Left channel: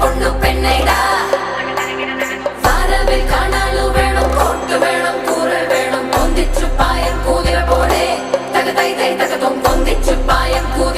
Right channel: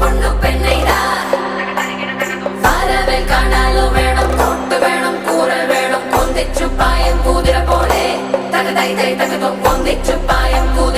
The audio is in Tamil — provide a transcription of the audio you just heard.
பொண்ணு பெண்ணைடா வரவே காணாலும் வேணும் கோட்டு வேணும் கூறல் வேணும் பொந்திச்சு பாயம் கூதிர போலே தகதை தை தகதும் பொந்திச்சு பாயம் கூதிர